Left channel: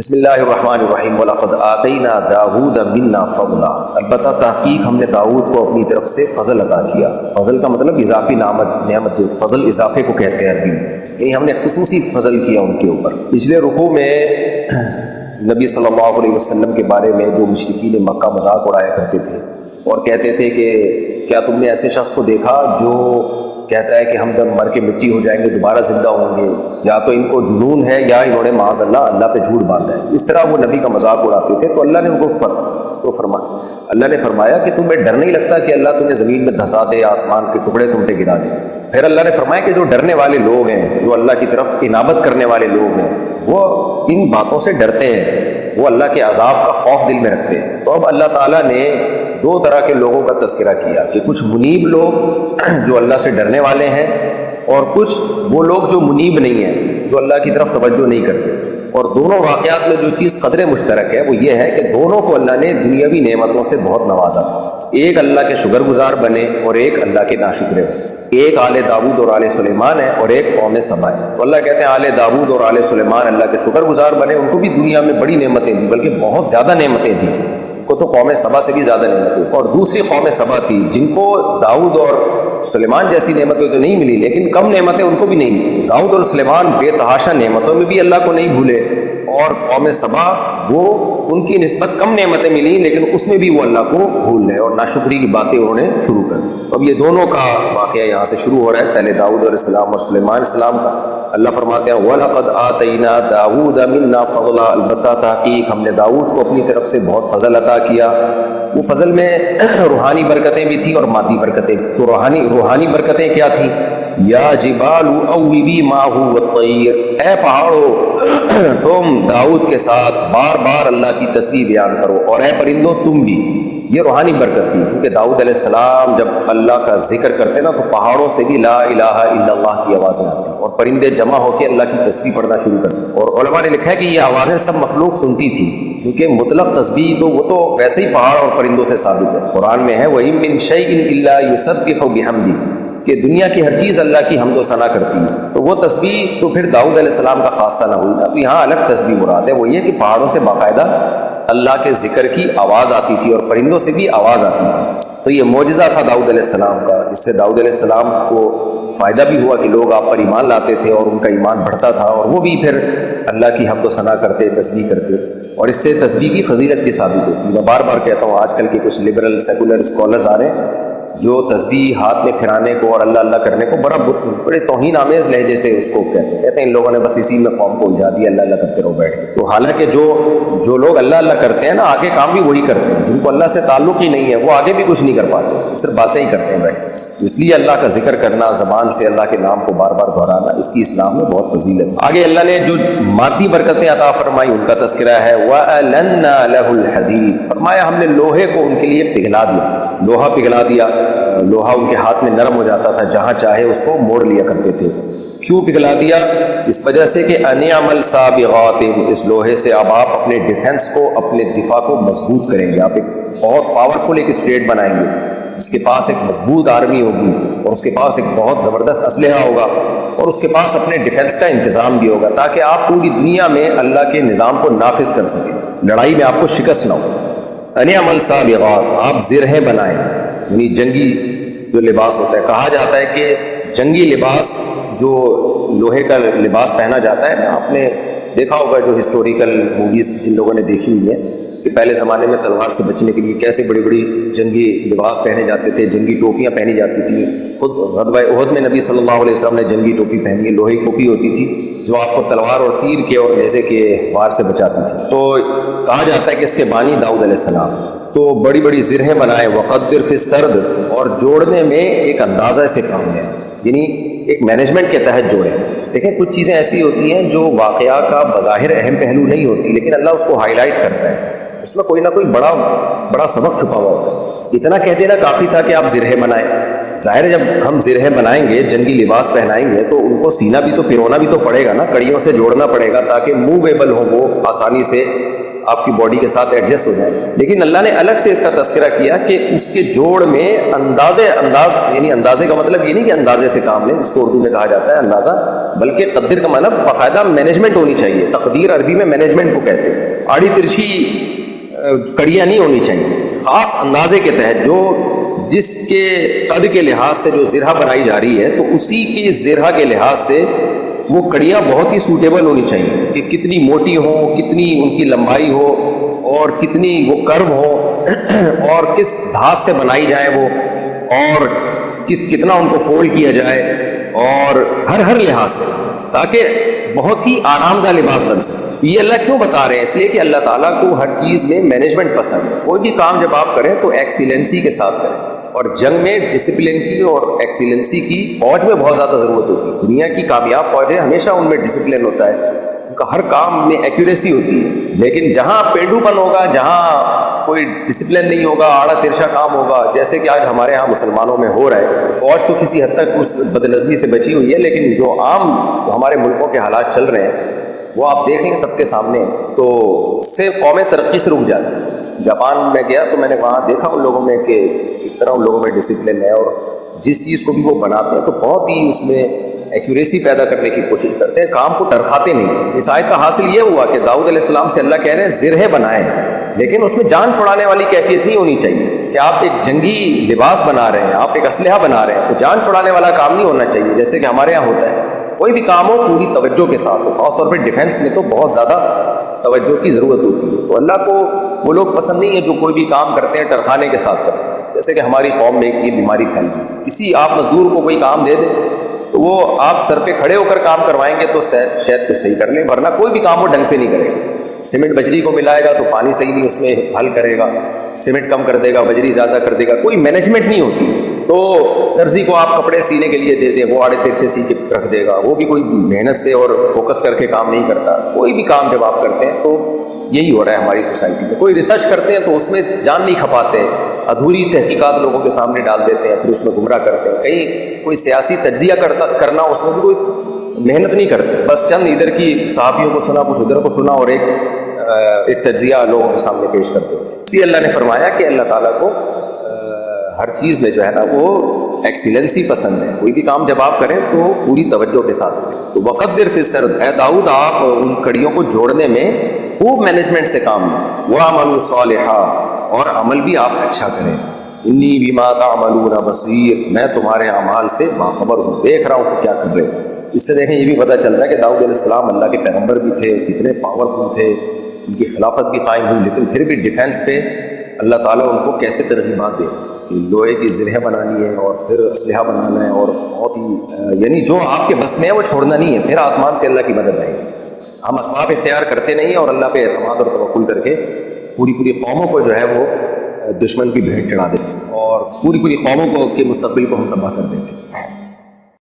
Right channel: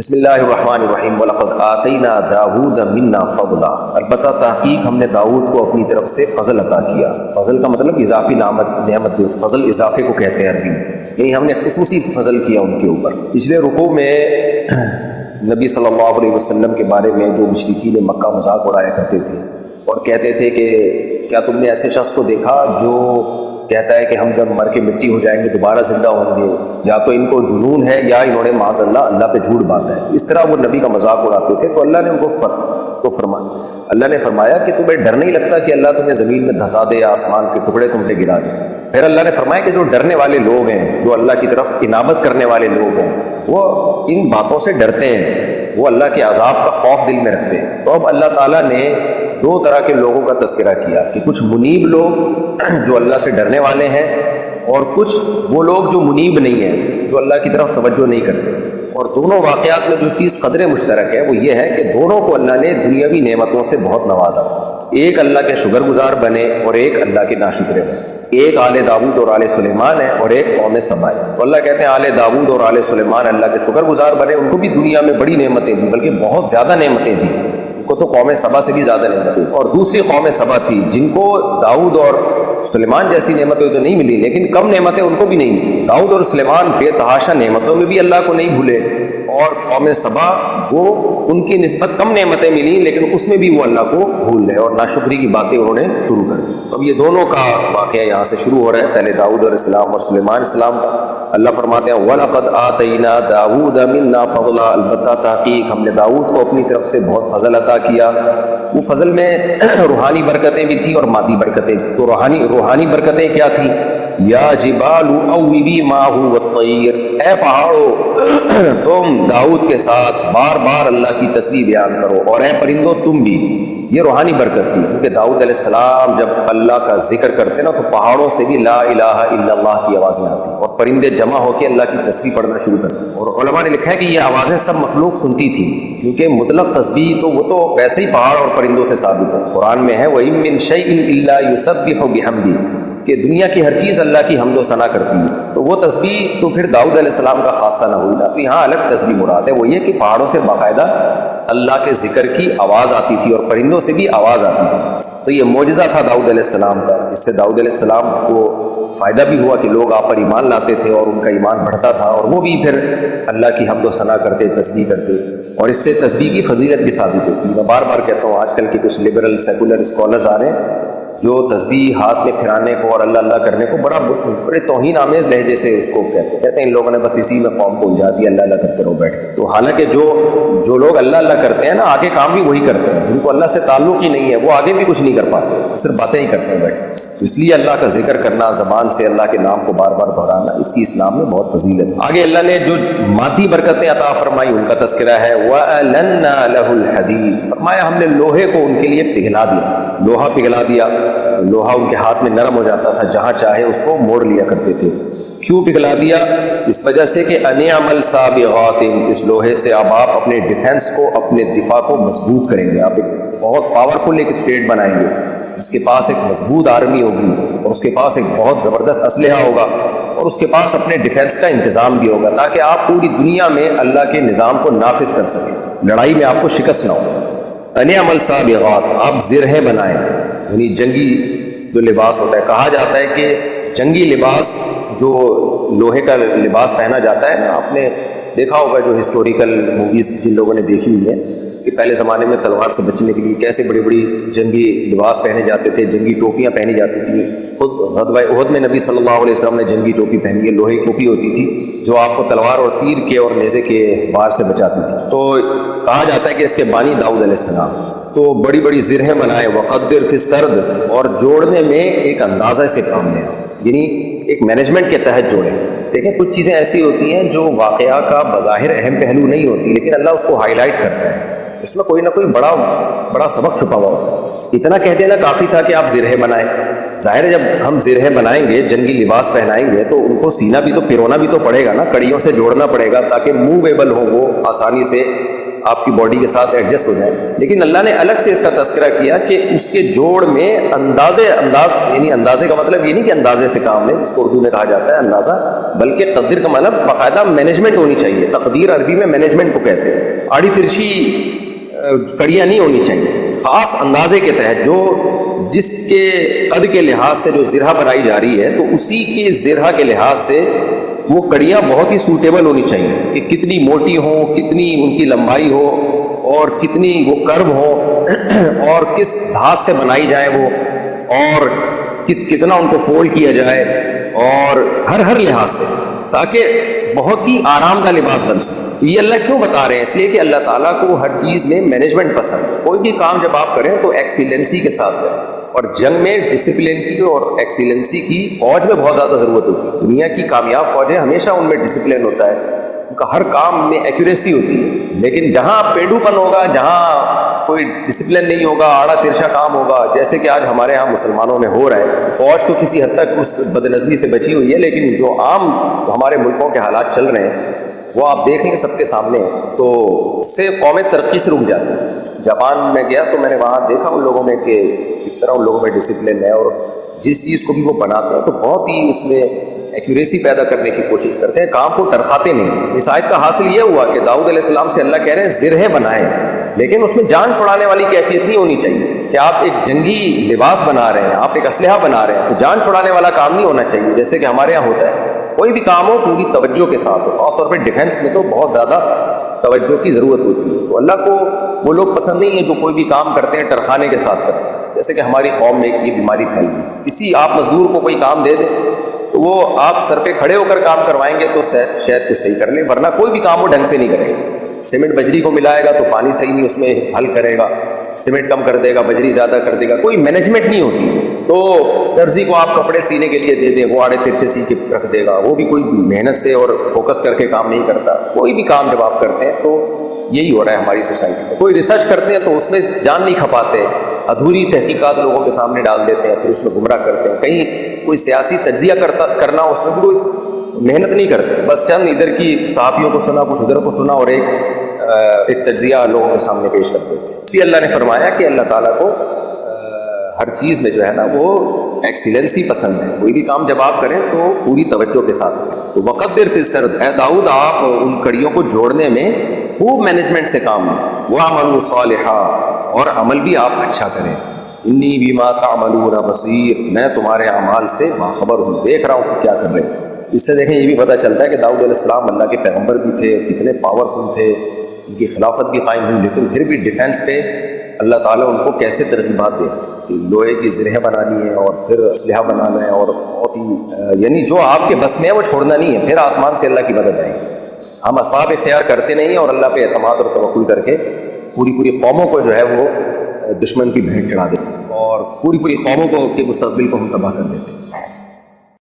بسم اللہ الرحمن الرحیم وَلَقَدْ آتَيْنَا دَاوُودَ مِنَّا فَضْلًا، البتہ تحقیق ہم نے داؤد کو اپنی طرف سے فضل عطا کیا۔ فضل کا مطلب اضافی نعمت، فضل اضافے کو کہتے ہیں عربی میں، یعنی ہم نے خصوصی فضل کیا ان کے اوپر۔ پچھلے رکوع میں نبی صلی اللہ علیہ وسلم کے بارے میں جو مشرکین مکہ مذاق اڑایا کرتے تھے اور کہتے تھے کہ کیا تم نے ایسے شخص کو دیکھا جو کہتا ہے کہ ہم جب مر کے مٹی ہو جائیں گے دوبارہ زندہ ہوں گے، یا تو ان کو جنون ہے یا انہوں نے معاذ اللہ پہ جھوٹ باندھا ہے۔ اس طرح وہ نبی کا مذاق اڑاتے تھے تو اللہ نے ان کو فرمایا، اللہ نے فرمایا کہ تمہیں ڈر نہیں لگتا کہ اللہ تمہیں زمین میں دھسا دے، آسمان کے ٹکڑے تم پہ گرا دے۔ پھر اللہ نے فرمایا کہ جو ڈرنے والے لوگ ہیں، جو اللہ کی طرف عنابت کرنے والے لوگ ہیں، وہ ان باتوں سے ڈرتے ہیں، وہ اللہ کے عذاب کا خوف دل میں رکھتے ہیں۔ تو اب اللہ تعالیٰ نے دو طرح کے لوگوں کا تذکرہ کیا کہ کچھ منیب لوگ جو اللہ سے ڈرنے والے ہیں، اور کچھ وہ لوگ جو منیب نہیں ہیں، جو اللہ کی طرف توجہ نہیں کرتے۔ اور دونوں واقعات میں جو چیز قدر مشترک ہے وہ یہ ہے کہ دونوں کو اللہ نے دنیاوی نعمتوں سے بہت نوازا تھا۔ ایک اللہ کے شکر گزار بنے اور ایک اللہ کے ناشکرے بنے۔ ایک آل داؤد اور آل سلیمان ہے اور ایک قوم سبا ہے۔ اللہ کہتے ہیں آل داؤد اور آل سلیمان اللہ کے شکر گزار بنے، ان کو بھی دنیا میں بڑی نعمتیں تھیں، بلکہ بہت زیادہ نعمتیں تھیں، ان کو تو قوم سبا سے بھی زیادہ نعمتیں۔ اور دوسری قوم سبا تھی جن کو داؤد اور سلیمان جیسی نعمتیں تو نہیں ملی، لیکن کم نعمتیں ان کو بھی نہیں ملی۔ داؤد اور سلیمان بے تحاشا نعمتوں میں بھی اللہ کو نہیں بھولے، اور قوم سبا وہ ان کی نسبت کم نعمتیں ملی لیکن اس میں بھی وہ اللہ کو بھول گئے اور ناشکری کی باتیں انہوں نے شروع کر دی۔ تو اب یہ دونوں کا واقعہ یہاں سے شروع ہو رہا ہے، پہلے داؤد علیہ السلام اور سلیمان علیہ السلام کا۔ اللہ فرماتے ہیں وَلَقَدْ آتَيْنَا دَاوُودَ مِنَّا فَضْلًا، البتہ تحقیق ہم نے داؤد کو اپنی طرف سے بہت فضل عطا کیا۔ وہ فضل میں روحانی برکتیں بھی تھیں اور مادی برکتیں۔ تو روحانی برکتیں کیا تھیں؟ یا جبال اوبی معہ والطیر، اے پہاڑو تم داؤد کے ساتھ بار بار اللہ کی تسبیح بیان کرو، اور اے پرندو تم بھی۔ یہ روحانی برکت تھی، کیونکہ داؤد علیہ السلام جب اللہ کا ذکر کرتے نا تو پہاڑوں سے بھی لا الہ الا اللہ کی آوازیں آتی، اور پرندے جمع ہو کے اللہ کی تسبیح پڑھنا شروع کرتے۔ اور علماء نے لکھا ہے کہ یہ آوازیں سب مخلوق سنتی تھی، کیونکہ مطلق تسبیح تو وہ تو ویسے ہی پہاڑ اور پرندوں سے ثابت ہے۔ قرآن میں ہے وَإِن مِّن شَيْءٍ إِلَّا يُسَبِّحُ بِحَمْدِهِ، کہ دنیا کی ہر چیز اللہ کی حمد و ثنا کرتی ہے۔ تو وہ تسبیح تو پھر داؤد علیہ السلام کا خاصہ نہ ہوئی نا، تو یہاں الگ تسبیح مناتے ہیں، وہ یہ کہ پہاڑوں سے باقاعدہ اللہ کے ذکر کی آواز آتی تھی اور پرندوں سے بھی آواز آتی تھی۔ تو یہ معجزہ تھا داؤد علیہ السلام کا، اس سے داؤد علیہ السلام کو فائدہ بھی ہوا کہ لوگ آپ پر ایمان لاتے تھے اور ان کا ایمان بڑھتا تھا، اور وہ بھی پھر اللہ کی حمد و ثنا کرتے، تسبیح کرتے، اور اس سے تسبیح کی فضیلت بھی ثابت ہوتی ہے۔ میں بار بار کہتا ہوں، آج کل کے کچھ لبرل سیکولر اسکالرز آ رہے ہیں جو تسبیح ہاتھ میں پھرانے کو اور اللہ اللہ کرنے کو بڑے توہین آمیز لہجے سے اس کو کہتے ہیں ان لوگوں نے بس اسی میں قوم کو الجھا دیا، اللہ اللہ کرتے رہو بیٹھ کے۔ تو حالانکہ جو لوگ اللہ اللہ کرتے ہیں نا، آگے کام بھی وہی کرتے ہیں، جن کو اللہ سے تعلق ہی نہیں ہے وہ آگے بھی کچھ نہیں کر پاتے، صرف باتیں ہی کرتے ہیں بیٹھ کے۔ اس لیے اللہ کا ذکر کرنا، زبان سے اللہ کے نام کو بار بار دہرانا، اس کی اسلام میں بہت فضیلت ہے۔ آگے اللہ نے جو مادی برکتیں عطا فرمائی ان کا تذکرہ ہے وَأَلَنَّا لَهُ الْحَدِيدَ، فرمایا ہم نے لوہے کو ان کے لیے پگھلا دیا، لوہا پگھلا دیا، لوہا ان کے ہاتھ میں نرم ہو جاتا تھا، جہاں چاہے اس کو موڑ لیا کرتے تھے۔ کیوں پگھلا دیا؟ اس وجہ سے کہ انعمل سابغات، اس لوہے سے اب آپ اپنے ڈیفنس کو، اپنے دفاع کو مضبوط کریں گے۔ آپ ایک بہت پاورفل ایک اسٹیٹ بنائیں گے، اس کے پاس ایک مضبوط آرمی ہوگی، اور اس کے پاس ایک بہت زبردست اسلحہ ہوگا، اور اس کے پاس اپنے ڈیفنس کا انتظام بھی ہوگا، تاکہ آپ پوری دنیا میں اللہ کے نظام کو نافذ کر سکیں، لڑائی میں آپ کو شکست نہ ہو۔ انعمل سابغات، آپ زرہیں بنائیں، یعنی جنگی جو لباس ہوتا ہے، کہا جاتا ہے کہ جنگی لباس جو لوہے کا لباس پہنا جاتا ہے نا، آپ نے دیکھا ہوگا جو ہسٹوریکل موویز جن لوگوں نے دیکھی ہوئی ہے کہ پہلے زمانے میں تلوار سے بچنے کے لیے کیسے بڑی بڑی جنگی لباس پہنے جاتے تھے، جنگی ٹوپیاں پہنی جاتی تھی۔ خود غزوہ احد میں نبی صلی اللہ علیہ وسلم نے جنگی ٹوپی پہنی ہے، لوہے کی ٹوپی ہوتی تھی جو آپ کو تلوار اور تیر کے اور نیزے کے وار سے بچاتی تھی۔ تو کہا جاتا ہے کہ اس کے بانی داؤد علیہ السلام۔ تو بڑی بڑی زرہیں بنائیں، وقدر فی السرد، اور جوڑنے میں ایک اندازہ سے کام لیں، یعنی ایک مینجمنٹ کے تحت جوڑیں۔ دیکھیں کچھ چیزیں ایسی ہوتی ہیں جو واقعہ کا بظاہر اہم پہلو نہیں ہوتی، لیکن اللہ اس کو ہائی لائٹ کرتا ہے، اس میں کوئی نہ کوئی بڑا سبق چھپا ہوا ہوتا ہے۔ اتنا کہہ دینا کافی تھا کہ آپ زرہیں بنائیں۔ ظاہر ہے جب ہم زرہیں بنائیں گے، جنگی لباس پہنائیں گے، تو ان کو سینا بھی تو پرونا بھی تو پڑے گا نا، کڑیوں سے جوڑنا پڑے گا تاکہ موویبل ہو، وہ آسانی سے آپ کی باڈی کے ساتھ ایڈجسٹ ہو جائے. لیکن اللہ نے الگ سے اس کا تذکرہ کیا کہ اس کے جوڑ میں انداز یعنی اندازے کا مطلب یہ نہیں کہ اندازے سے کام لیں جس کو اردو میں کہا جاتا ہے اندازہ، بلکہ تقدیر کا مطلب باقاعدہ مینجمنٹ ہونی چاہیے. تقدیر عربی میں مینجمنٹ کو کہتے ہیں. آڑی ترچھی کڑیاں نہیں ہونی چاہیے، خاص اندازے کے تحت جو جس کے قد کے لحاظ سے جو زرہ بنائی جا رہی ہے تو اسی کے زرہ کے لحاظ سے وہ کڑیاں بہت ہی سوٹیبل ہونی چاہیے کہ کتنی موٹی ہو، کتنی ان کی لمبائی ہو اور کتنی وہ کرو ہو اور کس دھات سے بنائی جائے وہ، اور کتنا ان کو فولڈ کیا جائے، اور ہر لحاظ سے، تاکہ بہت ہی آرام دہ لباس بن سکے. یہ اللہ کیوں بتا رہے ہیں؟ اس لیے کہ اللہ تعالیٰ کو ہر چیز میں مینجمنٹ پسند ہے. کوئی بھی کام جب آپ کریں تو ایکسیلنسی کے ساتھ کریں، اور جنگ میں ڈسپلن کی اور ایکسیلنسی کی فوج میں بہت زیادہ ضرورت ہوتی ہے. دنیا کی کامیاب فوجیں ہمیشہ ان میں ڈسپلن ہوتا ہے، ان کا ہر کام میں ایکوریسی ہوتی ہے. لیکن جہاں پینڈو پن ہوگا، جہاں کوئی ڈسپلن نہیں ہوگا، آڑا ترچا کام ہوگا، جیسے کہ آج ہمارے ہاں مسلمانوں میں ہو رہا ہے. فوج تو کسی حد تک اس بد نظمی سے بچی ہوئی ہے، لیکن جو عام ہمارے ملکوں کے حالات چل رہے ہیں وہ آپ دیکھ لیں سب کے سامنے، تو اس سے قومیں ترقی سے رک جاتی ہیں. جاپان میں گیا تو میں نے وہاں دیکھا ان لوگوں میں کہ کس طرح ان لوگوں میں ڈسپلن ہے، اور جس چیز کو بھی وہ بناتے ہیں تو بہت ہی اس میں ایکوریسی پیدا کرنے کی کوشش کرتے ہیں، کام کو ٹرخاتے نہیں ہیں. اس آیت کا حاصل یہ ہوا کہ داؤد علیہ السلام سے اللہ کہہ رہے ہیں زرہ بنائیں، لیکن اس میں جان چھڑانے والی کیفیت نہیں ہونی چاہیے کہ آپ ایک جنگی لباس بنا رہے ہیں، آپ ایک اسلحہ بنا رہے ہیں، تو جان چھڑانے والا کام نہیں ہونا چاہیے جیسے کہ ہمارے یہاں ہوتا ہے. کوئی بھی کام ہو پوری توجہ کے ساتھ ہو، خاص طور پہ ڈیفینس میں تو بہت زیادہ توجہ کی ضرورت ہوتی ہے. تو اللہ کو وہ لوگ پسند نہیں ہے جو کوئی بھی کام کرتے ہیں ٹرخانے کے ساتھ کرتے ہیں. جیسے کہ ہماری قوم میں یہ بیماری پھیل گئی، کسی آپ مزدور کو کوئی کام دے دیں تو وہ آپ سر پہ کھڑے ہو کر کام کروائیں گے تو شاید تو صحیح کر لیں، ورنہ کوئی بھی کام وہ ڈھنگ سے نہیں کرے گا. سیمنٹ بجری کو ملائے گا تو پانی صحیح نہیں اس میں حل کرے گا، سیمنٹ کم کر دے گا، بجری زیادہ کر دے گا، کوئی مینجمنٹ نہیں ہوتی ہے. تو درزی کو آپ کپڑے سینے کے لیے دے دیں، وہ آڑے ترچے سی کے رکھ دے گا، وہ بھی کوئی محنت سے اور فوکس کر کے کام نہیں کرتا. کوئی بھی کام جب آپ کرتے ہیں تو یہی ہو رہا ہے ہماری سوسائٹی میں. کوئی ریسرچ کرتے ہیں تو اس میں جان نہیں کھپاتے، ادھوری تحقیقات لوگوں کے سامنے ڈال دیتے ہیں، پھر اس میں گمراہ کرتے ہیں. کہیں کوئی سیاسی تجزیہ کرنا اس میں کوئی محنت نہیں کرتے، بس چند ادھر کی صحافیوں کو سنا، کچھ ادھر کو سنا، اور ایک تجزیہ لوگوں کے سامنے پیش کر دیتے ہیں. اسی اللہ نے فرمایا کہ اللہ تعالیٰ کو ہر چیز میں جو ہے نا وہ ایکسیلنسی پسند ہے. کوئی بھی کام جب آپ کریں تو پوری توجہ کے ساتھ کریں. تو وقدر فی السرد، اے داؤد آپ ان کڑیوں کو جوڑنے میں خوب مینجمنٹ سے کام لیں. وَاعْمَلُوا صَالِحًا، اور عمل بھی آپ اچھا کریں. انی بما تعملون بصیر، میں تمہارے اعمال سے باخبر ہوں، دیکھ رہا ہوں کہ کیا کر رہے ہیں. اس سے دیکھیں یہ بھی پتہ چلتا ہے کہ داؤد علیہ السلام اللہ کے پیغمبر بھی تھے، کتنے پاورفل تھے، ان کی خلافت بھی قائم ہوئی، لیکن پھر بھی ڈیفینس پہ اللہ تعالیٰ ان کو کیسے ترغیبات دے کہ لوہے کی زرہ بنانی ہے اور پھر اسلحہ بنانا ہے، اور بہت ہی یعنی جو آپ کے بس میں ہے وہ چھوڑنا نہیں ہے، پھر آسمان سے اللہ کی مدد آئے گی. ہم اسباب اختیار کرتے نہیں ہیں اور اللہ پہ اعتماد اور توکل کر کے پوری قوموں کو جو ہے وہ دشمن کی بھیٹ چڑھا دیتے اور پوری قوموں کو کے مستقبل کو ہم تباہ کر دیتے ہیں.